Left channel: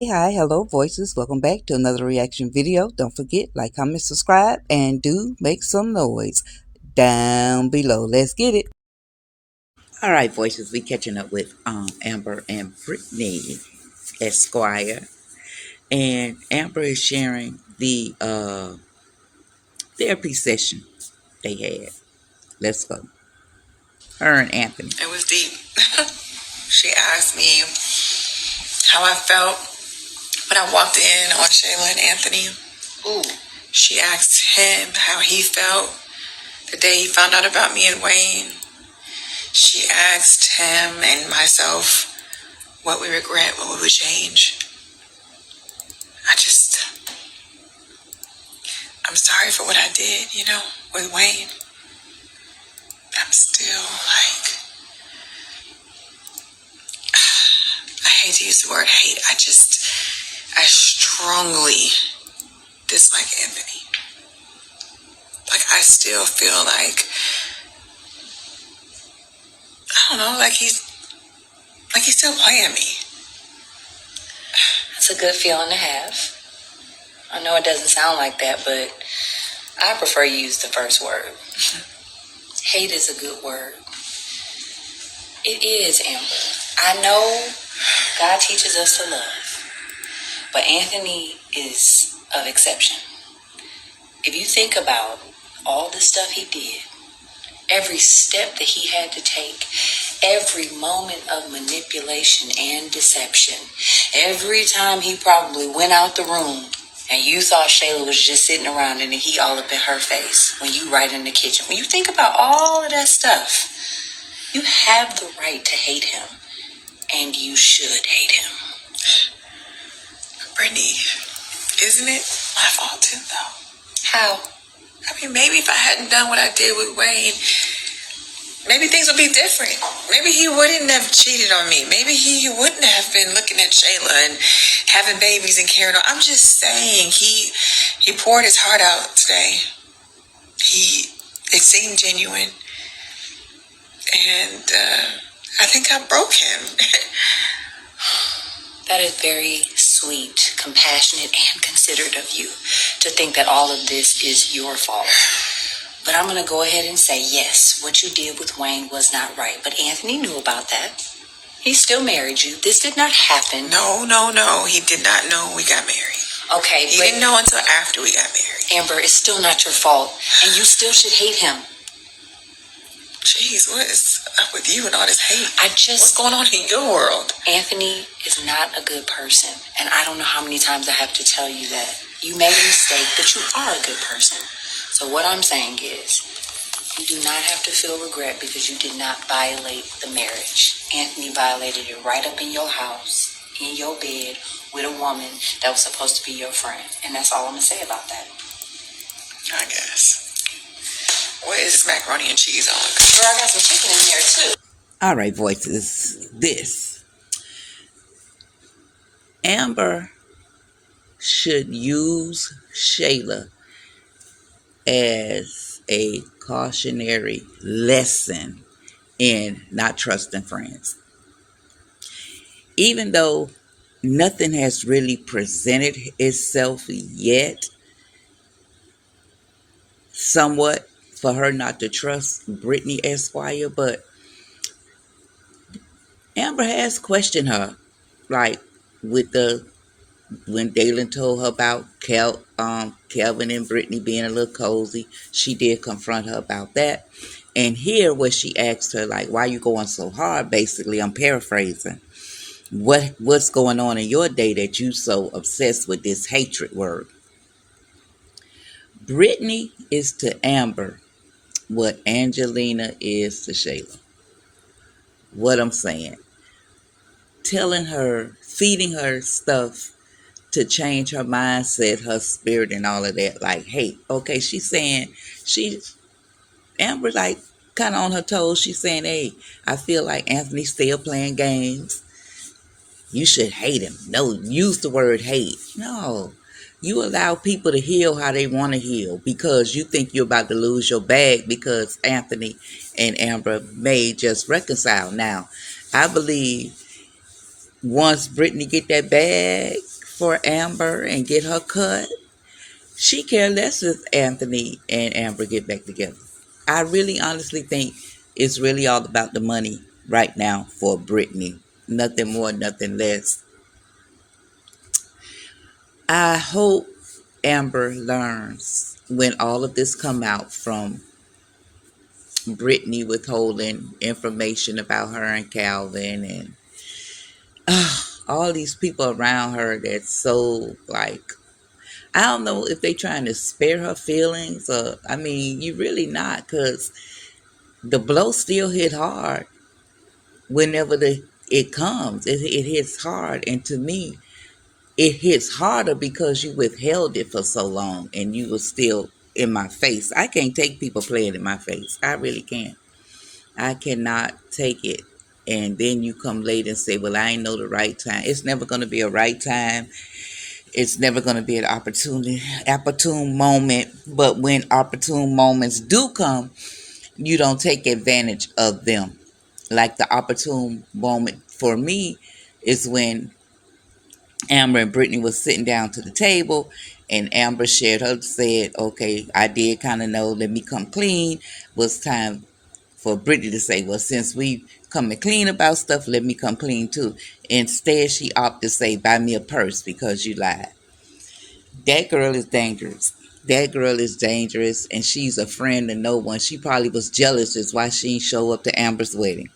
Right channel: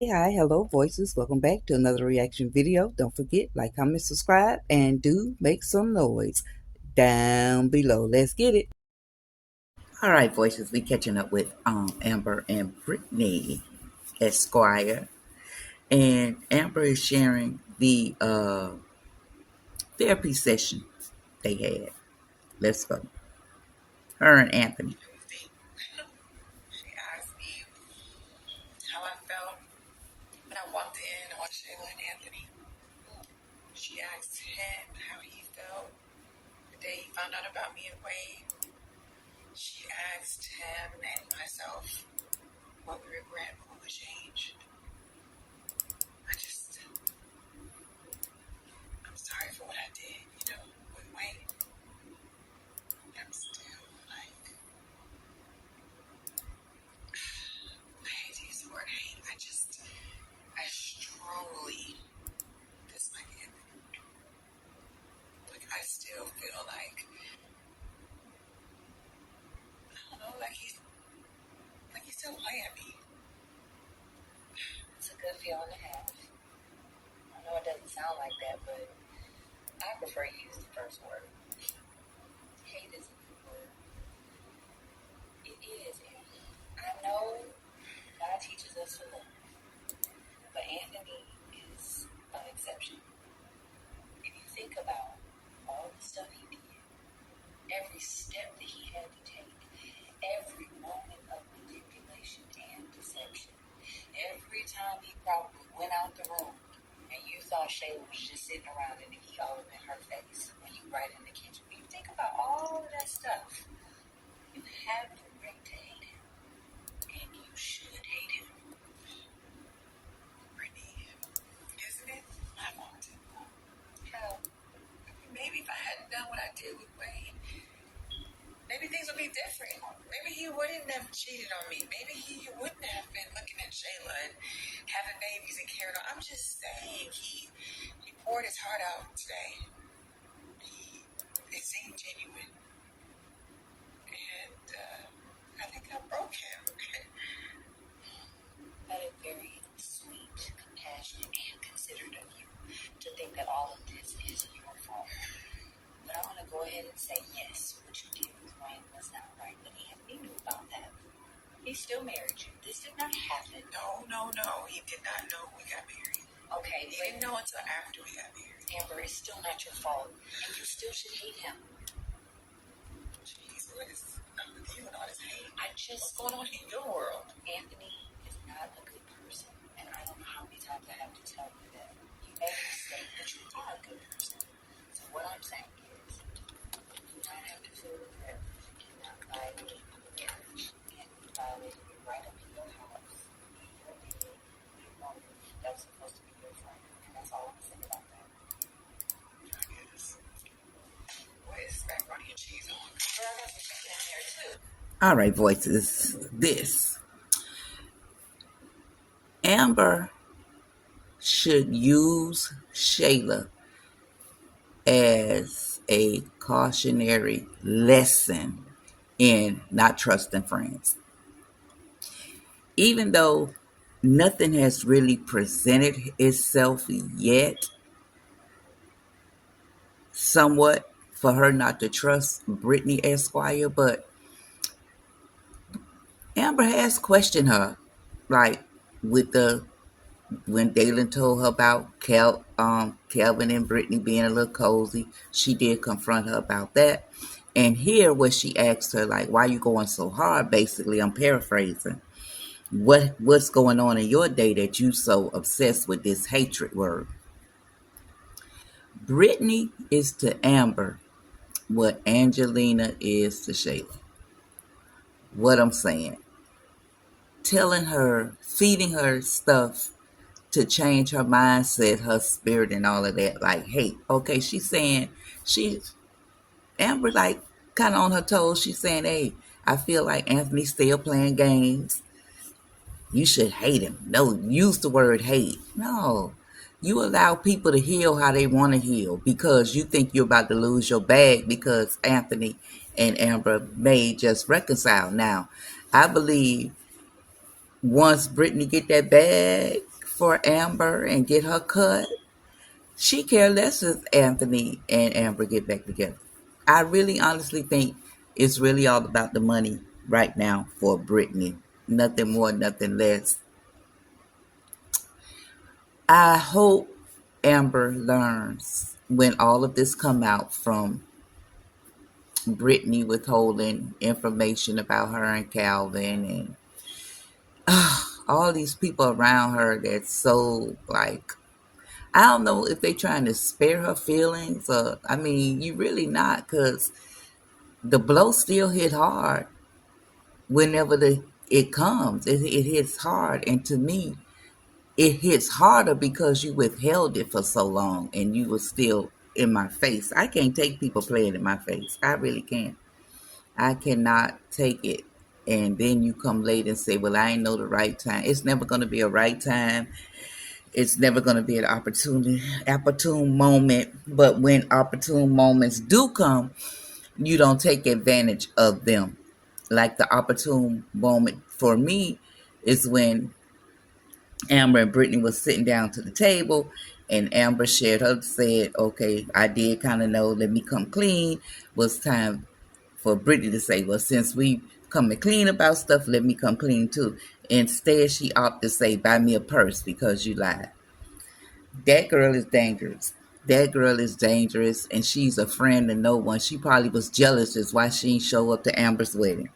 Hey, hi, hello, voices. Welcome back to another reaction video. Don't forget, like, comment, subscribe, and do make some noise down below. Let's get it. All right, voices. We catching up with Amber and Brittany Esquire, and Amber is sharing the therapy session they had. Let's go. Her and Anthony. It was deep. She asked me how I felt when I walked in on Shayla and Anthony. Ooh. She asked him how he felt the day he found out about me and Wayne. She asked him and myself what we regret, what we would change. I'm sorry for what I did, with Wayne. I'm still I hate to use the word hate. I strongly dislike Anthony. I still feel I don't know, he's still playing me. That's a good feeling to have. I know it doesn't sound like that, but I prefer you use the first word. Hate is a good word. It is, Amber. I know God teaches us to love, but Anthony is of exception. If you think about all the stuff he did, every step that he had to take, every moment of manipulation and deception, every time he probably went out the room and you thought Shayla was just sitting around and he all up in her face when you right in the kitchen. When you think about all of that stuff, you have the right to hate him, and you should hate him. Brittany, isn't it my fault too, though? How? Maybe if I hadn't done what I did with Wayne, maybe things would be different. Maybe he wouldn't have cheated on me. Maybe he wouldn't have been looking at Shayla and having babies and carrying on. I'm just saying, he poured his heart out today. It seemed genuine. And I think I broke him. That is very sweet, compassionate, and considerate of you to think that all of this is your fault. But I'm going to go ahead and say, yes, what you did with Wayne was not right. But Anthony knew about that. He still married you. This did not happen. No. He did not know we got married. Okay, He didn't know until after we got married. Amber, it's still not your fault. And you still should hate him. Jeez, what is up with you and all this hate? What's going on in your world? Anthony is not a good person. And I don't know how many times I have to tell you that. You made a mistake, but you are a good person. So what I'm saying is, you do not have to feel regret because you did not violate the marriage. Anthony violated it right up in your house, in your bed, with a woman that was supposed to be your friend. And that's all I'm going to say about that. I guess. What is this macaroni and cheese on? Girl, I got some chicken in there too. All right, voices. This. Amber should use Shayla as a cautionary lesson in not trusting friends. Even though nothing has really presented itself yet, somewhat for her not to trust Brittany Esquire, but Amber has questioned her, like when Dalen told her about Kelvin and Brittany being a little cozy. She did confront her about that. And here where she asked her, like, why you going so hard? Basically, I'm paraphrasing. What's going on in your day that you so obsessed with this hatred word? Brittany is to Amber what Angelina is to Shayla. What I'm saying. Telling her, feeding her stuff to change her mindset, her spirit, and all of that. Like, hey, okay, she's saying, Amber, like, kind of on her toes. She's saying, hey, I feel like Anthony's still playing games. You should hate him. No, use the word hate. No, you allow people to heal how they want to heal because you think you're about to lose your bag because Anthony and Amber may just reconcile. Now, I believe once Brittany get that bag, for Amber and get her cut. She care less if Anthony and Amber get back together. I really honestly think it's really all about the money right now for Brittany. Nothing more, nothing less. I hope Amber learns when all of this come out from Brittany withholding information about her and Calvin and all these people around her that's so like I don't know if they trying to spare her feelings or I mean you really not because the blow still hit hard whenever it comes. It hits hard and to me it hits harder because you withheld it for so long and you were still in my face. I can't take people playing in my face. I really can't. I cannot take it. And then you come late and say, well, I ain't know the right time. It's never going to be a right time. It's never going to be an opportune moment. But when opportune moments do come, you don't take advantage of them. Like the opportune moment for me is when Amber and Brittany was sitting down to the table and Amber said, okay, I did kind of know, let me come clean. Was time for Brittany to say, well, since we coming clean about stuff, let me come clean too. Instead, she opted to say, buy me a purse because you lied. That girl is dangerous. That girl is dangerous, and she's a friend to no one. She probably was jealous is why she didn't show up to Amber's wedding.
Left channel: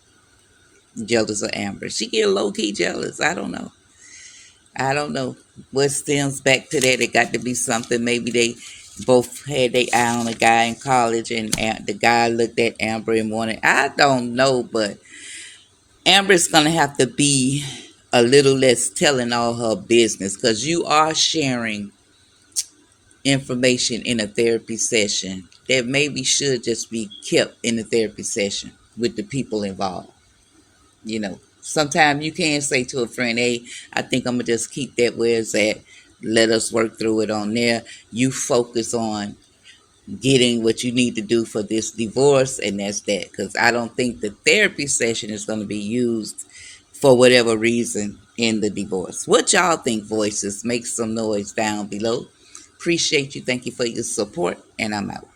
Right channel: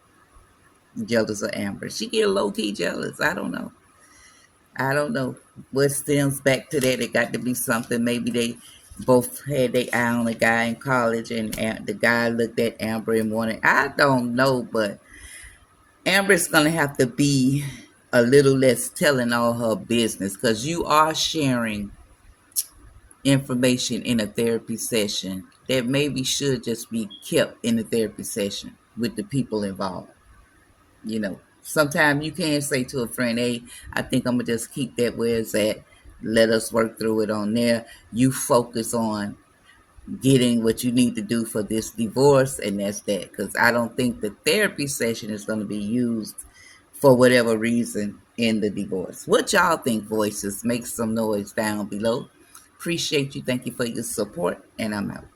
Jealous of Amber. She get low-key jealous. I don't know. I don't know what stems back to that. It got to be something. Maybe they both had their eye on a guy in college, and the guy looked at Amber and wanted. I don't know, but Amber's gonna have to be a little less telling all her business because you are sharing information in a therapy session that maybe should just be kept in the therapy session with the people involved. Sometimes you can say to a friend, hey, I think I'm going to just keep that where it's at. Let us work through it on there. You focus on getting what you need to do for this divorce, and that's that. Because I don't think the therapy session is going to be used for whatever reason in the divorce. What y'all think, voices? Make some noise down below. Appreciate you. Thank you for your support, and I'm out.